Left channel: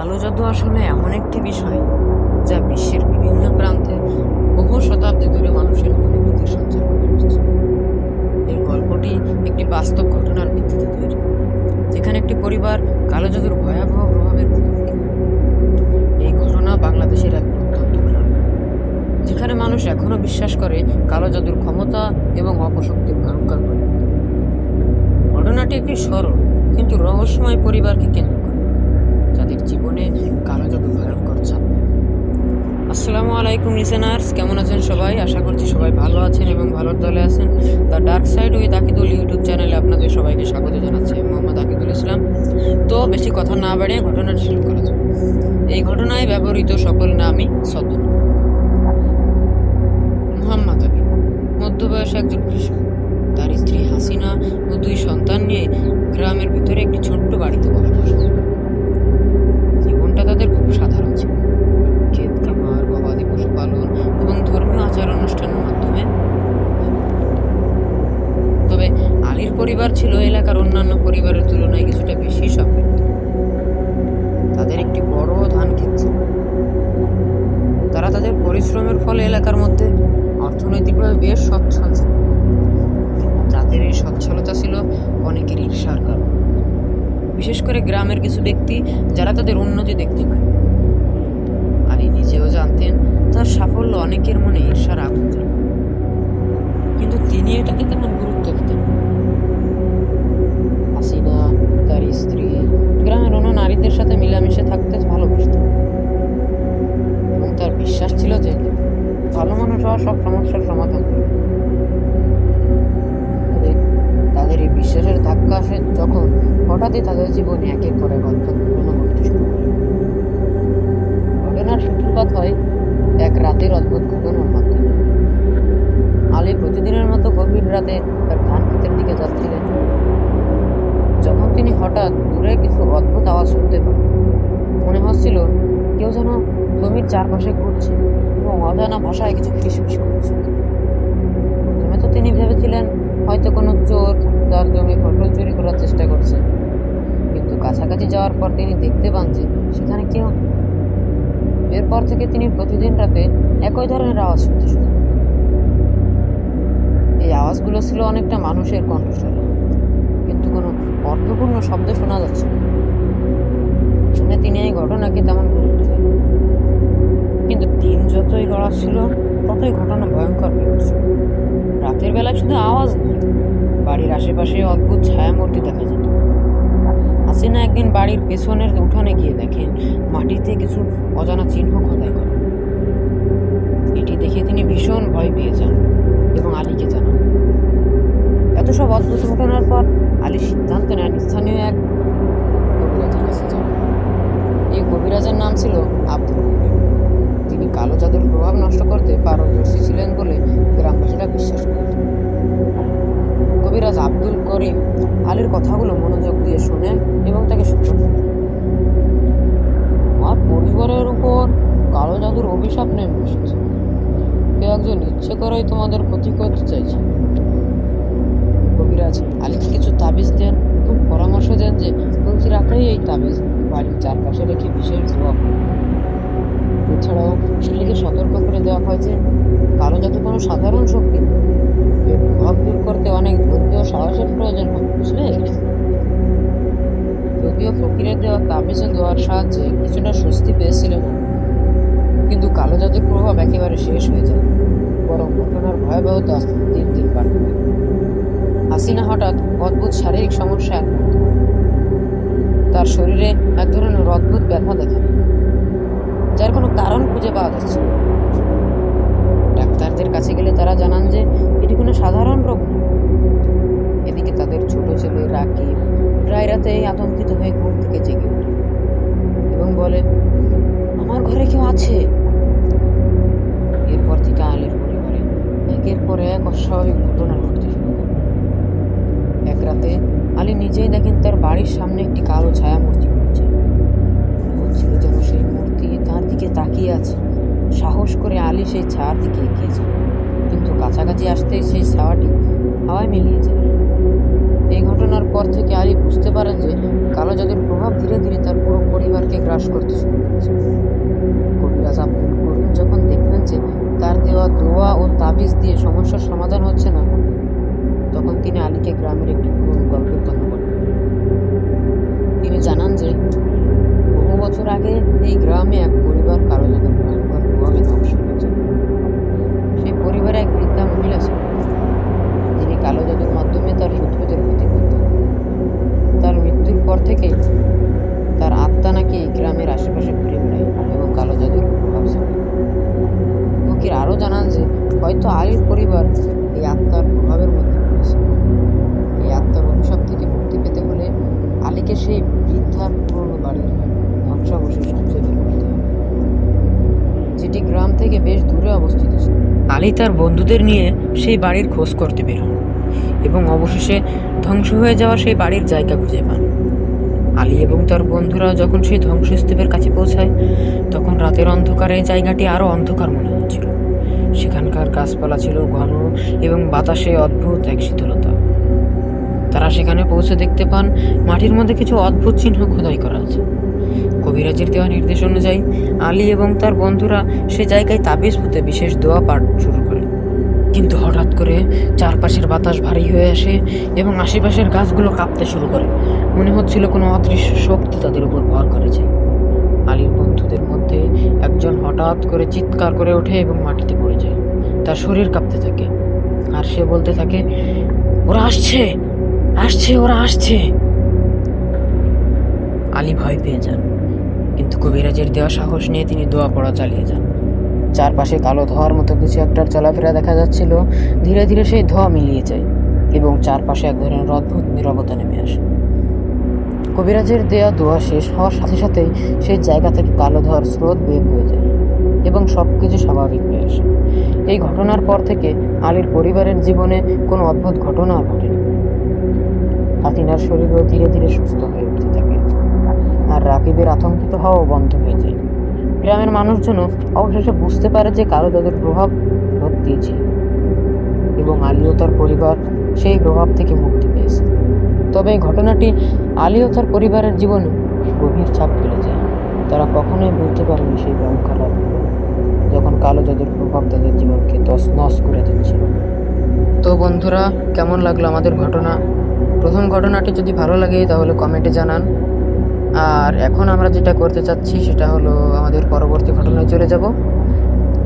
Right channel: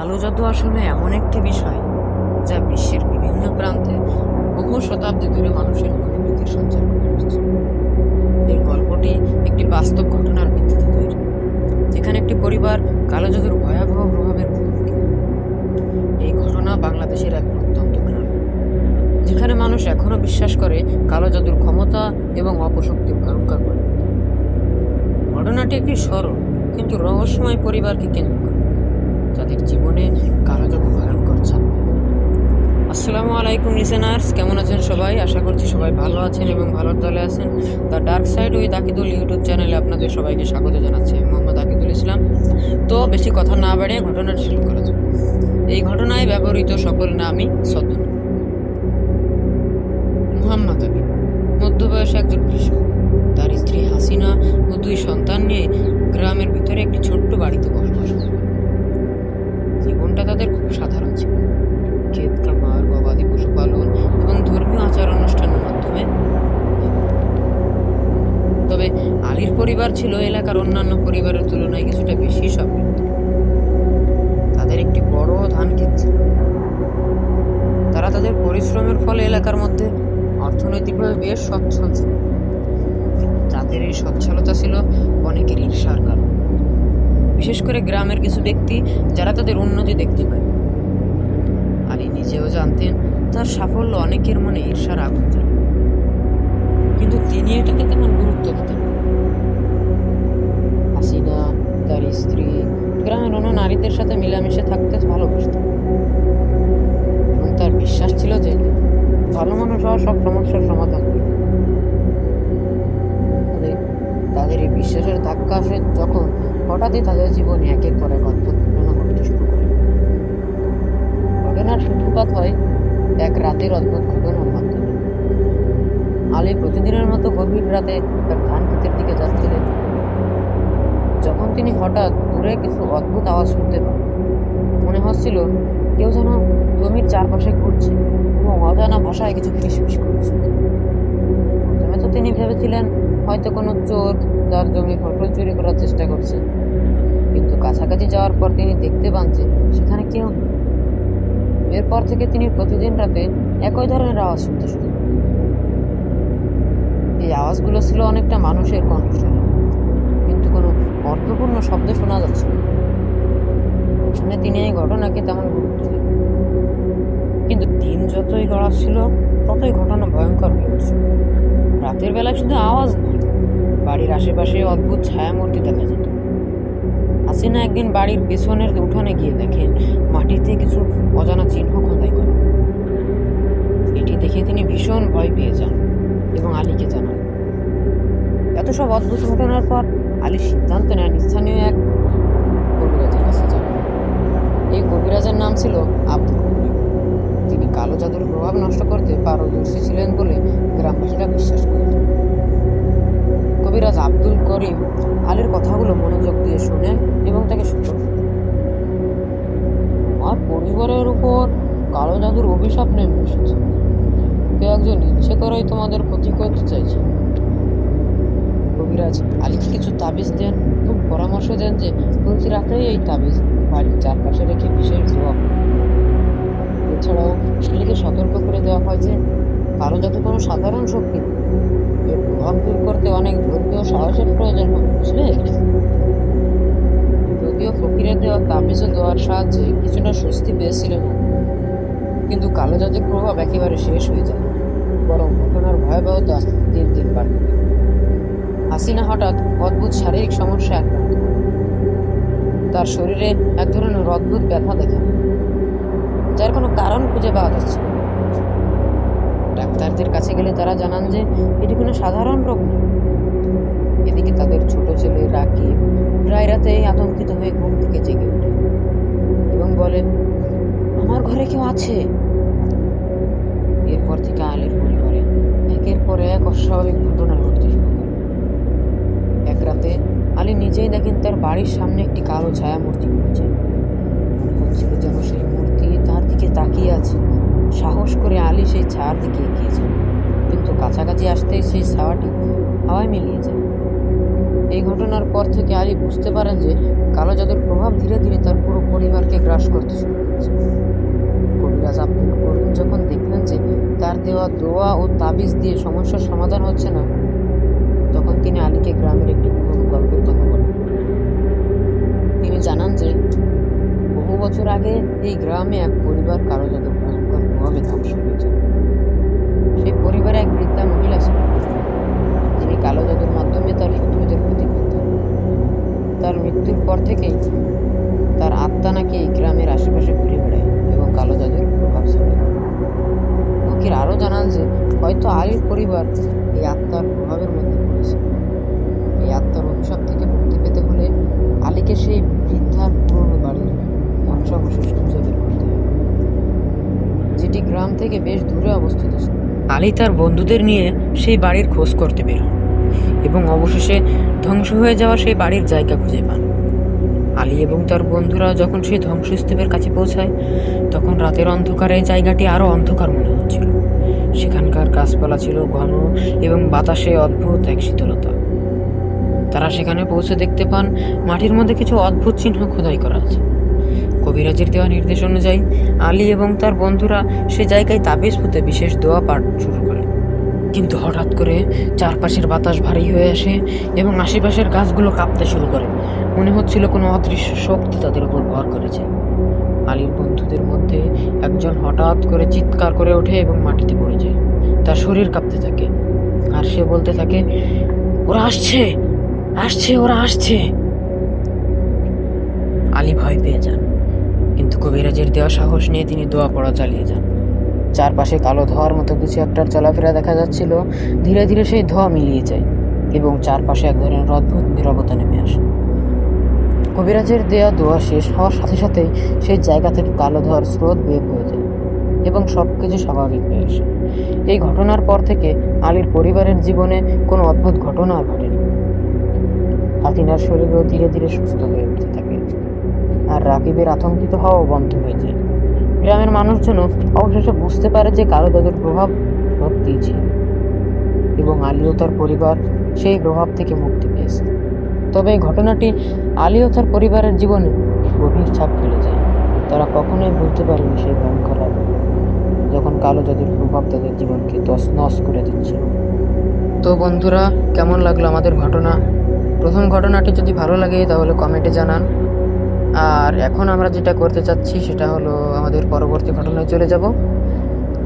কালো জাদু আসলে এমন একটি বিষয় যা বিশ্বের বিভিন্ন প্রান্তে বহু শতাব্দী ধরে মানুষের মনে ভীতির সঞ্চার করে আসছে। এই গল্পটি একটি বাস্তব ঘটনার ভিত্তিতে তৈরি, যেখানে একটি পরিবার কালো জাদুর ভয়াবহ প্রভাবের মুখোমুখি হয়। এই ঘটনা বাংলাদেশের এক প্রত্যন্ত গ্রাম, যেখানে মানুষ এখনো বিশ্বাস করে কালো জাদুর ক্ষমতা এবং অপশক্তির ভয়ঙ্কর পরিণতি। ঘটনাটি একটি সরল কিন্তু রহস্যময় পরিবারকে কেন্দ্র করে, যাদের জীবনে কালো জাদু ভয়ঙ্কর ছাপ দেয়। আসসালামু আলাইকুম লিসেনার্স, কেমন আছেন সবাই? আশা করছি সবাই ভালো আছেন এবং ভালোর দলে আছেন। The dark side with Akidul YouTube চ্যানেলে আপনাদের সবাইকে স্বাগত জানাচ্ছি। মোহাম্মদ আকিদুল ইসলাম। তো বেশি কথা না বাড়িয়ে ঘটনাটি শুরু করা যাক। এই ঘটনায় ব্যবহৃত সকল নামই ছদ্মনাম। মুহাম্মদ আলী মধ্যবয়সী একজন কৃষক। তার স্ত্রী হাসিনা ও 2 সন্তান নিয়ে গ্রামের ভিতরে একটি ছোট্ট বাড়িতে বসবাস করে। জীবনটা তাদের খুব সাধারণ ছিল। ক্ষেত খামার, গবাদি পশুপালন এবং ধর্মীয় আচার অনুষ্ঠানের মাধ্যমে। তবে আলীর পরিবার ছিল এলাকার অন্যান্য পরিবারের তুলনায় কিছুটা বেশি সমৃদ্ধ। তাদের একটি বড় ধান ক্ষেত ছিল। তারা তাদের পরিশ্রমের ফলে এলাকার মধ্যে অর্থনৈতিকভাবে বেশ সচ্ছল ছিল। তাদের এই সচ্ছলতা ছিল অনেকের ঈর্ষার কারণ, বিশেষ করে গ্রামের কিছু ব্যক্তি যারা তাদের উন্নতি দেখতে পায়। আলী নিজেও জানতেন তার সাফল্য অনেকের মনে ঈর্ষার আগুন জ্বালে, কিন্তু তিনি এটাকে তেমন গুরুত্ব দিতেন না। হাসিনা, তার স্ত্রী, গ্রামের অন্য নারীদের সাথে মিলামিশে থাকতে ভালোবাসতেন এবং তার বিশ্বাস ছিল যে ভালো মানুষ হওয়া সব সমস্যার সমাধান করে। তাদের এই বিশ্বাসের ধাক্কা আসে যখন হঠাৎই তাদের জীবনে একের পর এক অদ্ভুত ঘটনা ঘটতে শুরু করে। ঘটনার সূত্রপাত হয় এক রাতের অদ্ভুত ঘটনার মাধ্যমে। আলী প্রতিদিনের মতো গভীর রাতে তার ধান ক্ষেতের দিকে যাচ্ছিলেন, যখন তিনি হঠাৎ দূরে কিছু অদ্ভুত আওয়াজ শুনতে পান। মনে হচ্ছিল কেউ যেন জমির চারপাশে ঘুরছে এবং অজানা ভাষায় কিছু ফিসফিস করছে। প্রথমে তো তিনি ভেবেছিলেন হয়তো কোনো চোর তার জমির ফসল চুরি করার চেষ্টা করছে, কিন্তু কাছাকাছি যাওয়ার পর তিনি দেখতে পান যে সেখানে কেউ নেই। এরপর থেকে তিনি প্রতিদিন রাতে একই ধরনের আওয়াজ শুনতে শুরু করেন। এই আওয়াজগুলো ছিল অনেকটা মানুষের কণ্ঠস্বর, কিন্তু কোনো অর্থপূর্ণ শব্দ শোনা যাচ্ছে না। প্রথমে তিনি এই ঘটনাকে তেমন গুরুত্ব দেন, কিন্তু দিন যতই গড়াচ্ছিল ততই ঘটনা ভয়ঙ্কর হয়ে উঠছিল। রাতের বেলায় শুধু আওয়াজ নয়, বাড়ির আশেপাশে অদ্ভুত ছায়ামূর্তি দেখা যেত। হাসিনা একদিন বাড়ির পেছনের উঠোনে গিয়ে দেখেন মাটিতে কিছু অজানা চিহ্ন খোদাই করা। এটি দেখে তিনি ভীষণ ভয় পেয়ে যান এবং আলীকে জানান। এত সব অদ্ভুত ঘটনার পর আলী সিদ্ধান্ত নেন স্থানীয় এক কবিরাজের কাছে যাবেন। এই কবিরাজের নাম ছিল আব্দুল করিম। তিনি কালো জাদুর প্রভাব নষ্ট করতে পারদর্শী ছিলেন বলে গ্রামবাসীরা বিশ্বাস করত। কবিরাজ আব্দুল করিম আলীর কথাগুলো মনোযোগ দিয়ে শোনেন এবং তাকে সতর্ক করেন। আমার পরিবারের উপর কালো জাদুর অভিশাপ নেমে এসেছে। কেউ একজন ইচ্ছে করেই তোমাদের ক্ষতি করতে চাইছে। কবিরাজ আলীকে কিছু তাবিজ দেন এবং পরামর্শ দেন যে প্রতি রাতেই এই তাবিজ বাড়ির চারপাশে রেখে বিশেষ দোয়া করুন। এছাড়াও আলীকে সতর্ক করে দেওয়া হয় যে কালো জাদু কোনো সাধারণ শক্তি নয়, এর প্রভাব দূর করতে অনেক ধৈর্য ও সাহসের প্রয়োজন হয়, বুঝলে? যদিও ফকিরের দেওয়া তাবিজ ও দোয়ার সাহায্যে কিছুটা স্বস্তি পেয়েছিলেন, কিন্তু কালো জাদুর প্রভাব একেবারে শেষ হয়ে যায়, বরং ঘটনার ভয়াবহতা দিন দিন বাড়তে থাকে। হাসিনা হঠাৎ অদ্ভুত শারীরিক সমস্যায় আক্রান্ত হয়। তার শরীরে এক ধরনের অদ্ভুত ব্যথা দেখা দেয়, যার কোনো কারণ খুঁজে পাওয়া যাচ্ছে না। ডাক্তারদের কাছে গেলে তারা জানান যে এটি কোনো সাধারণ রোগ নয়। এদিকে তাদের ছোট ছেলে রাকিব প্রায় রাতে আতঙ্কিত হয়ে ঘুম থেকে জেগে ওঠে এবং বলে, আমার ঘরে কেউ আছে। এরপর থেকে আলীর পরিবারে একের পর এক অস্বাভাবিক ঘটনা ঘটতে শুরু করে। এক রাতে আলী নিজেই দেখেন তার বাড়ির সামনে একটি কালো ছায়া মূর্তি ঘুরছে। মনে হচ্ছিল যেন সেই মূর্তি তার দিকে তাকিয়ে আছে। সাহস করে আলী সেই ছায়ার দিকে এগিয়ে যায়, কিন্তু কাছাকাছি আসতেই সেই ছায়াটি হাওয়ায় মিলিয়ে যায়। এই ঘটনার পর থেকে আলী বুঝতে পারেন যে কালো জাদুর প্রভাব ধীরে ধীরে তার পুরো পরিবারকে গ্রাস করতে শুরু করেছে। কবিরাজ আব্দুল করিম যখন দেখলেন যে তার দেওয়া দোয়া ও তাবিজ দিয়ে সমস্যার সমাধান হচ্ছে না, তখন তিনি আলীকে গ্রামের একটি পুরনো গল্পের কথা বলেন। তিনি জানান যে বহু বছর আগে এই গ্রামে এক পরিবার কালো জাদুর ভয়ঙ্কর প্রভাবে ধ্বংস হয়েছে। সেই পরিবারে এক বৃদ্ধা মহিলা ছিলেন, যিনি কালো জাদুর মাধ্যমে তার শত্রুদের ক্ষতি করতেন। তার মৃত্যুর পর থেকেই তার আত্মা নাকি এই গ্রামের আশেপাশে ঘুরে বেড়ায় এবং কালো জাদুর প্রভাব ছড়ায়। ফকির আরও জানান যে হয়তো আলীর পরিবার এই আত্মার প্রভাবের মধ্যে পড়েছে। এই আত্মার অভিশাপ থেকে মুক্তি পেতে হলে আলীকে সেই বৃদ্ধার পুরনো বাড়ির ধ্বংসাবশেষ খুঁজে বের করতে হবে, যেটি গ্রাম থেকে বেশ দূরে অবস্থিত ছিল। আলী তার বন্ধুদের নিয়ে সেই বাড়ির খোঁজ করতে বের হন এবং অবশেষে ধ্বংস হয়ে যাওয়া সেই বাড়ির জায়গা খুঁজে পান। আলী এবং তার বন্ধুরা যখন সেই ধ্বংসস্তূপের কাছে পৌঁছায়, তখন রাতের অন্ধকারে জায়গাটি আরও অন্ধকার মনে হচ্ছিল। সেখানকার গাছপালা ছিল ঘন এবং বাতাসে অদ্ভুত এক শীতলতা। তারা সেখানে পৌঁছে দেখতে পান মাটির মধ্যে কিছু অদ্ভুত চিহ্ন খোদাই করা আছে। কবিরাজের দেওয়া নির্দেশ অনুযায়ী আলী এবং তার বন্ধুরা সে জায়গায় তাবিজ পুঁতে বিশেষ দোয়া পাঠ শুরু করে। কিন্তু হঠাৎ করে চারপাশের বাতাস ভারী হয়ে আসে এবং আশেপাশের গাছগুলো কাঁপতে শুরু করে। মনে হচ্ছিল কোনো অদৃশ্য শক্তি তাদের উপর ভর করেছে। আলীর বন্ধুদের মধ্যে একজন হঠাৎ করে চিৎকার করে ওঠে এবং মাটিতে পড়ে যায়। তার শরীর কাঁপতে থাকে আর সে বলতে থাকে, ওরা আসছে, আসছে, ওরা আসছে। আলী ভয় পেয়ে যান, কিন্তু কবিরাজের দেওয়া সাহস নিয়ে তিনি দোয়া পড়া চালিয়ে যান। চারপাশে কালো ধোঁয়ার মতো কিছু একটার চলাফেরা দেখা যাচ্ছিল। ধীরে ধীরে সেই ধোঁয়া মিলিয়ে যায় এবং চারপাশে এক ধরনের অদ্ভুত নীরবতা নেমে আসে। কবিরাজের দেয়া দোয়া শেষ হওয়ার সাথে সাথেই সেই জায়গা থেকে কালো ধোঁয়ার স্রোত বের হয়ে যায় এবং সবকিছু স্বাভাবিক হয়ে আসে। এই ঘটনার পর থেকে আলীর পরিবারের জীবনে কোনো অদ্ভুত ঘটনা আর ঘটেনি। ফাতিনার শরীরও ধীরে ধীরে সুস্থ হয়ে উঠতে থাকে আর রাকিবের আতঙ্কিত হওয়াও বন্ধ হয়ে যায়। গ্রামের মানুষজন অবশেষে বুঝতে পারে যে কালো জাদুর প্রভাব সত্যিই ছিল এবং আলী ও তার পরিবার সেই প্রভাব থেকে মুক্তি পেয়েছে। তবে এই ঘটনাটি আলী ও তার পরিবারের জীবনে গভীর ছাপ ফেলে যায়। তারা কখনোই ভুলতে পারেনি সেই ভয়ঙ্কর রাতগুলো, যখন কালো জাদুর প্রভাব তাদের জীবনকে তছনছ করে দিচ্ছিল। তো বন্ধুরা, কেমন লাগলো আমাদের ঘটনা? প্রথম ঘটনাটি যদি ভালো লাগে তাহলে কমেন্টে জানান। আর এখন আমরা যেটা করতে চাচ্ছি সেটা হলো আমাদের পরবর্তী ঘটনায় চলে যাব।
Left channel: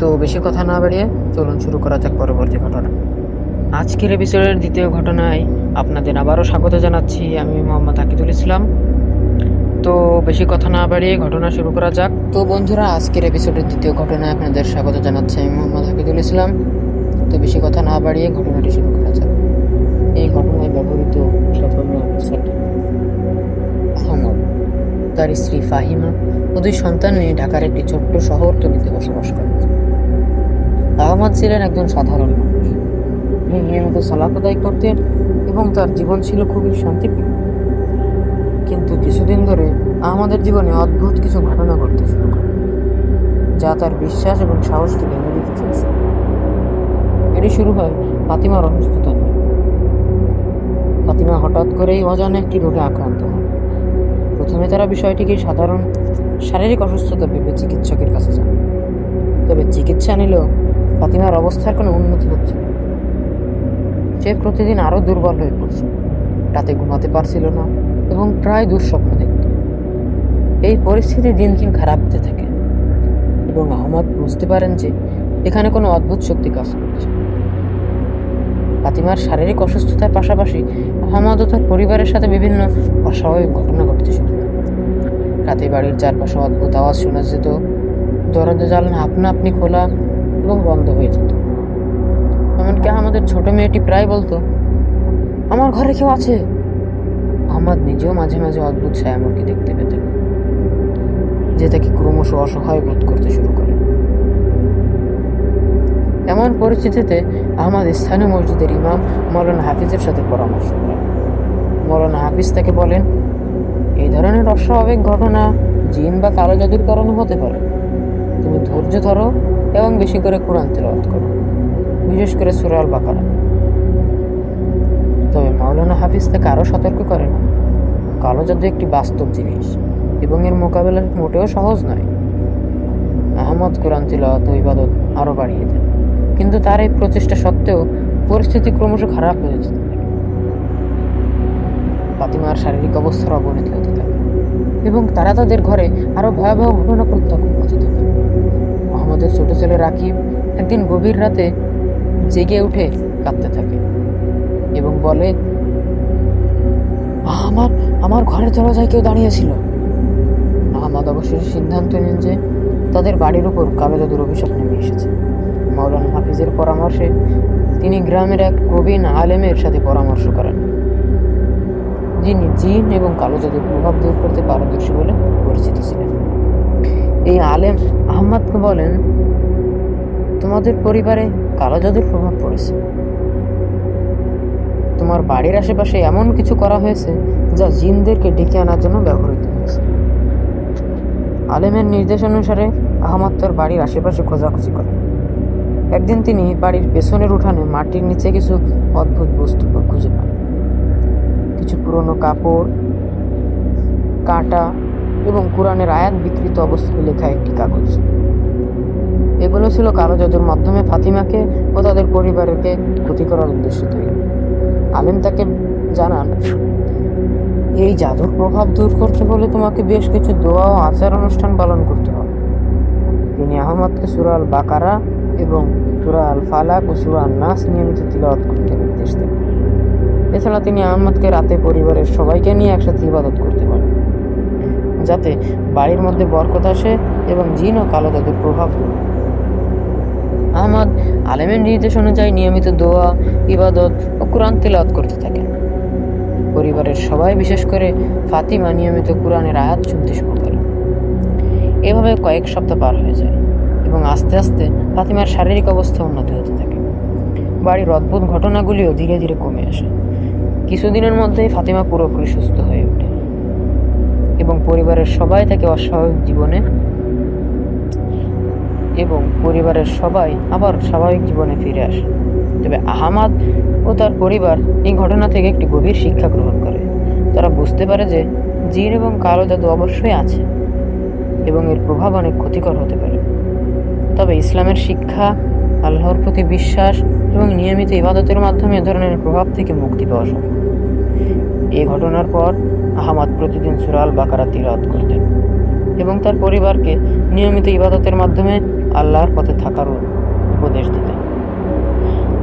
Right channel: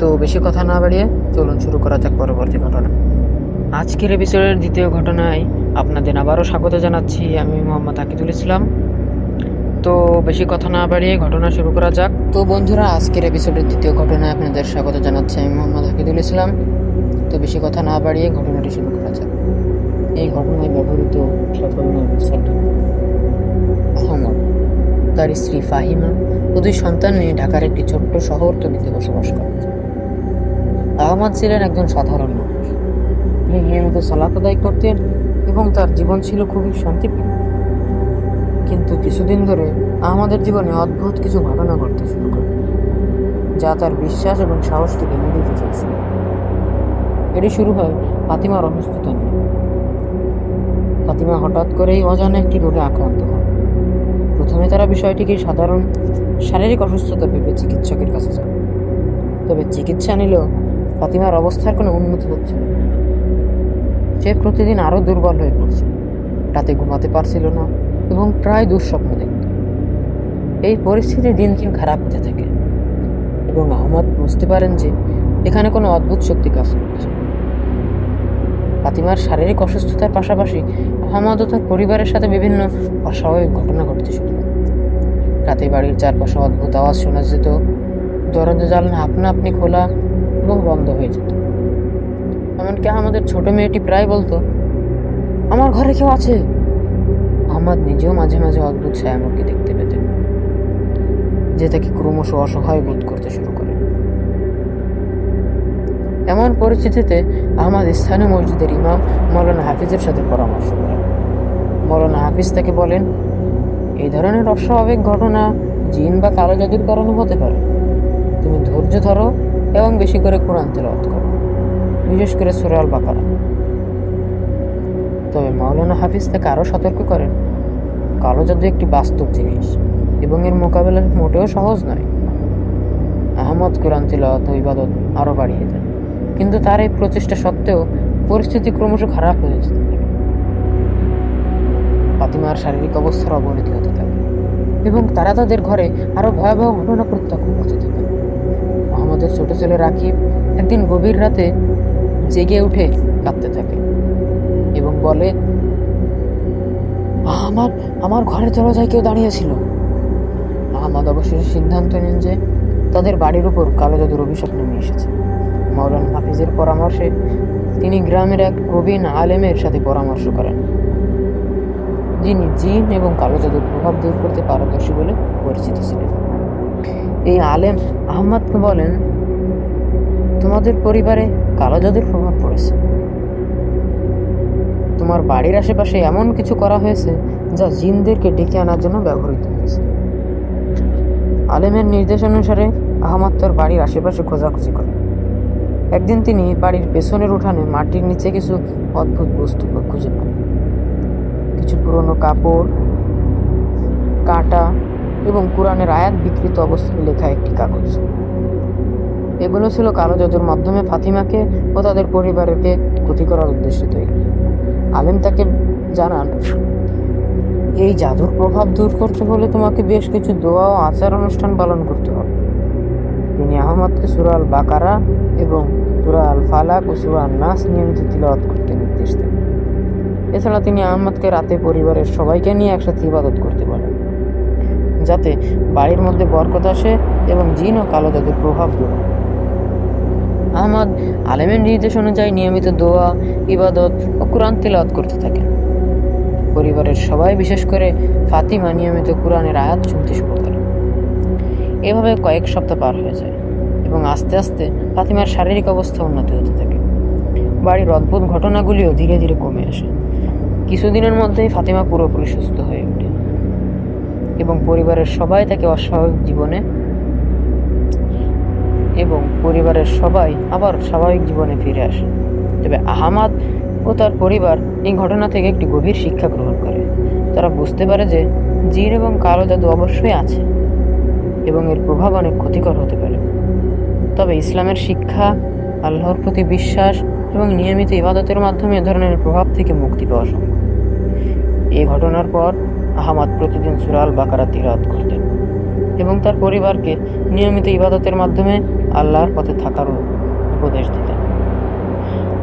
তো বেশি কথা না বাড়িয়ে চলুন শুরু করা যাক পরবর্তী ঘটনা। আজকের এপিসোডের দ্বিতীয় ঘটনায় আপনাদের আবারও স্বাগত জানাচ্ছি। আমি মোহাম্মদ আকিদুল ইসলাম। তো বেশি কথা না বাড়িয়ে ঘটনা শুরু করা যাক। তো বন্ধুরা, আজকের এপিসোডের দ্বিতীয় ঘটনায় আপনাদের স্বাগত জানাচ্ছি। আমি মোহাম্মদ আকিদুল ইসলাম। তো বেশি কথা না বাড়িয়ে ঘটনাটি শুরু করা যাক। এই ঘটনায় ব্যবহৃত সকল নাম আহমদ, তার স্ত্রী ফাহিমা ও দুই সন্তান নিয়ে ঢাকার একটি ছোট্ট শহরতলিতে বসবাস করেন। আহমদ ছিলেন একজন সাধারণ মানুষ। তিনি নিয়মিত সালাত আদায় করতেন এবং তার জীবন ছিল খুবই শান্তিপূর্ণ। কিন্তু কিছুদিন ধরে আহমদের জীবনে অদ্ভুত কিছু ঘটনা ঘটতে শুরু করে, যা তার বিশ্বাস এবং সাহসকে ভেঙে দিতে চাইছে। এটি শুরু হয় ফাতিমার অসুস্থতা নিয়ে। ফাতিমা হঠাৎ করেই অজানা একটি রোগে আক্রান্ত হন। প্রথমে তারা বিষয়টিকে সাধারণ শারীরিক অসুস্থতা ভেবে চিকিৎসকের কাছে যান। তবে চিকিৎসা নিলেও ফাতিমার অবস্থার কোনো উন্নতি হচ্ছিল না। সে প্রতিদিন আরও দুর্বল হয়ে পড়ছিল, রাতে ঘুমাতে পারছিল না এবং প্রায় দুঃস্বপ্ন দেখত। এই পরিস্থিতি দিন দিন খারাপ হতে থাকে এবং আহমদ বুঝতে পারেন যে এখানে কোনো অদ্ভুত শক্তি কাজ করছে। ফাতিমার শারীরিক অসুস্থতার পাশাপাশি আহমদ ও তার পরিবারের সাথে বিভিন্ন অস্বাভাবিক ঘটনা ঘটতে শুরু করে। রাতে বাড়ির চারপাশে অদ্ভুত আওয়াজ শোনা যেত, দরজা জানালা আপনা আপনি খোলা এবং বন্ধ হয়ে যেত। এমনকি আমাদের ছোট মেয়েটি প্রায় বলতো, আমার ঘরে কেউ আছে। আহমদ নিজেও মাঝে মাঝে অদ্ভুত ছায়ামূর্তি দেখতে পেতেন, যে তাকে ক্রমশ অসহায় বোধ করতে শুরু করে। এমন পরিস্থিতিতে আহমদ স্থানীয় মসজিদের ইমাম মৌলানা হাফিজের সাথে পরামর্শ করেন। মৌলানা হাফিজ তাকে বলেন, এই ধরনের অস্বাভাবিক ঘটনা জিন বা কালো জাদুর কারণে হতে পারে। তুমি ধৈর্য ধরো এবং বেশি করে কোরআন তেলাওয়াত করো, বিশেষ করে সূরা আল বাকারা। তবে মাওলানা হাফিজ তাকে আরও সতর্ক করেন, কালো জাদু একটি বাস্তব জিনিস এবং এর মোকাবেলা মোটেও সহজ নয়। আহমদ কোরআন তিলাওয়াত ও ইবাদত আরও বাড়িয়ে দেন, কিন্তু তার এই প্রচেষ্টা সত্ত্বেও পরিস্থিতি ক্রমশ খারাপ হয়ে যেতে থাকে। ফাতিমার শারীরিক অবস্থার অবনতি হতে থাকে এবং তারা তাদের ঘরে আরো ভয়াবহ ঘটনা প্রত্যক্ষ করতে থাকে। মোহাম্মদের ছোট ছেলে রাকিব একদিন গভীর রাতে জেগে উঠে কাঁদতে থাকে এবং বলে, আমার আমার ঘরের দরজায় কেউ দাঁড়িয়েছিল। আহমদ অবশেষে সিদ্ধান্ত নেন যে তাদের বাড়ির উপর কালো জাদুর অভিশাপ নেমে এসেছে। মাওলানা হাফিজের পরামর্শে তিনি গ্রামের এক প্রবীণ আলেমের সাথে পরামর্শ করেন, যিনি জিন এবং কালো জাদুর প্রভাব দূর করতে পারদর্শী বলে পরিচিত ছিলেন। এই আলেম আহমদকে বলেন, তোমাদের পরিবারে কালো জাদুর প্রভাব পড়েছে। তোমার বাড়ির আশেপাশে এমন কিছু করা হয়েছে যা জিনদেরকে ডেকে আনার জন্য ব্যবহৃত হয়েছে। আলেমের নির্দেশ অনুসারে আহমদ তার বাড়ির আশেপাশে খোঁজাখুঁজি করেন। একদিন তিনি বাড়ির পেছনের উঠানে মাটির নিচে কিছু অদ্ভুত বস্তু খুঁজে পান। কিছু পুরনো কাপড়, কাঁটা এবং কোরআনের আয়াত বিকৃত অবস্থায় লেখা একটি কাগজ। এগুলো ছিল কালো জাদুর মাধ্যমে ফাতিমাকে ও তাদের পরিবারকে ক্ষতি করার উদ্দেশ্যে তৈরি। আলেম তাকে জানান, এই জাদুর প্রভাব দূর করতে হলে তোমাকে বেশ কিছু দোয়া ও আচার অনুষ্ঠান পালন করতে হবে। তিনি আহমদকে সূরা আল বাকারা এবং সূরা আল ফালাক ও সূরা আন নাস নিয়মিত তিলাওয়াত করতে নির্দেশ দেন। এছাড়া তিনি আহমদকে রাতে পরিবারের সবাইকে নিয়ে একসাথে ইবাদত করতে বলেন, যাতে বাড়ির মধ্যে বরকত আসে এবং জিন ও কালো জাদুর প্রভাব দূর হয়। আহমদ আলেমের নির্দেশ অনুযায়ী নিয়মিত দোয়া, ইবাদত ও কোরআন তিলাওয়াত করতে থাকেন। পরিবারের সবাই, বিশেষ করে ফাতিমা, নিয়মিত কোরআনের আয়াত শুনতে শুরু করে। এভাবে কয়েক সপ্তাহ পার হয়ে যায় এবং আস্তে আস্তে ফাতিমার শারীরিক অবস্থা উন্নতি হতে থাকে। বাড়ির অদ্ভুত ঘটনাগুলিও ধীরে ধীরে কমে আসে। কিছুদিনের মধ্যেই ফাতিমা পুরোপুরি সুস্থ হয়ে ওঠে এবং পরিবারের সবাই আবার স্বাভাবিক জীবনে ফিরে আসে। তবে আহমদ ও তার পরিবার এই ঘটনা থেকে একটি গভীর শিক্ষা গ্রহণ করে। তারা বুঝতে পারে যে জিন এবং কালো জাদু অবশ্যই আছে এবং এর প্রভাব অনেক ক্ষতিকর হতে পারে। তবে ইসলামের শিক্ষা, আল্লাহর প্রতি বিশ্বাস এবং নিয়মিত ইবাদতের মাধ্যমে এ ধরনের প্রভাব থেকে মুক্তি পাওয়া সম্ভব। এই ঘটনার পর আহমদ প্রতিদিন সূরা আল বাকারা তিলাওয়াত করতেন এবং তার পরিবারকে নিয়মিত ইবাদতের মাধ্যমে আল্লাহর পথে থাকার উপদেশ দিতেন।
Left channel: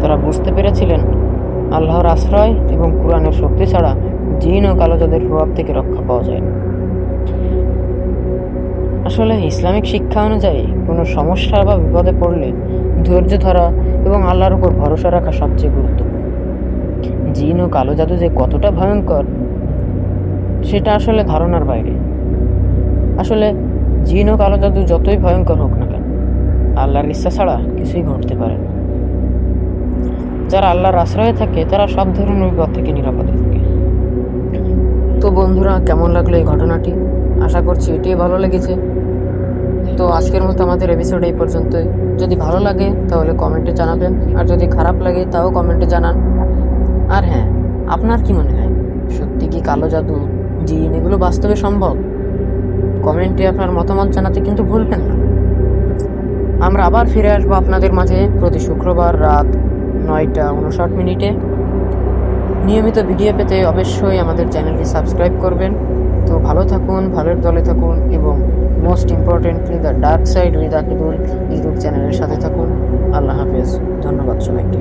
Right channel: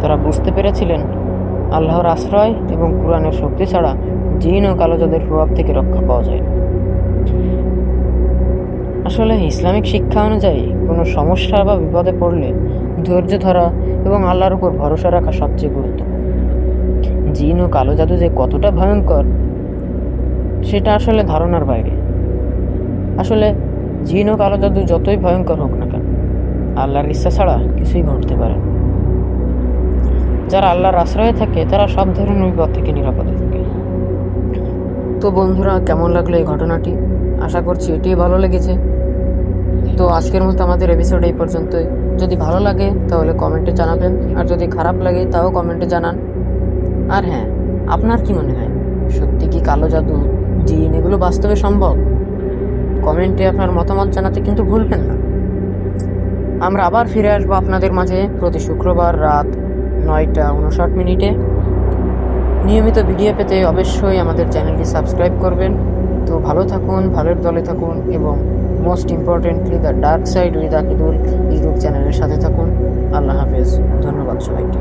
তারা বুঝতে পেরেছিলেন, আল্লাহর আশ্রয় এবং কোরআনের শক্তি ছাড়া জিন ও কালো জাদুর প্রভাব থেকে রক্ষা পাওয়া যায় না। আসলে ইসলামিক শিক্ষা অনুযায়ী কোনো সমস্যা বা বিপদে পড়লে ধৈর্য ধরা এবং আল্লাহর উপর ভরসা রাখা সবচেয়ে গুরুত্বপূর্ণ। জিন ও কালো জাদু যে কতটা ভয়ঙ্কর সেটা আসলে ধারণার বাইরে। আসলে জিন ও কালো জাদু যতই ভয়ঙ্কর হোক না কেন, আল্লাহর ইচ্ছা ছাড়া কিছুই ঘটতে পারে না। যারা আল্লাহর আশ্রয়ে থাকে তারা সব ধরনের বিপদ থেকে নিরাপদে থাকে। তো বন্ধুরা, কেমন লাগলো এই ঘটনাটি? আশা করছি এটিই ভালো লেগেছে। তো আজকের মতো আমাদের এপিসোড এই পর্যন্তই। যদি ভালো লাগে তাহলে কমেন্টে জানাবেন, আর যদি খারাপ লাগে তাও কমেন্টে জানান। আর হ্যাঁ, আপনার কি মনে হয়, সত্যি কি কালো জাদু, জিন এগুলো বাস্তবে সম্ভব? কমেন্টে আপনার মতামত জানাতে কিন্তু ভুলবেন না। আমরা আবার ফিরে আসবো আপনাদের মাঝে প্রতি শুক্রবার রাত 9টা 59 নিয়মিত ভিডিও পেতে অবশ্যই আমাদের চ্যানেলটি সাবস্ক্রাইব করবেন। তো ভালো থাকুন, ভালোর দলে থাকুন এবং most importantly the dark side with Akidul YouTube চ্যানেলের সাথে থাকুন। আল্লাহ হাফেজ। ধন্যবাদ সবাইকে।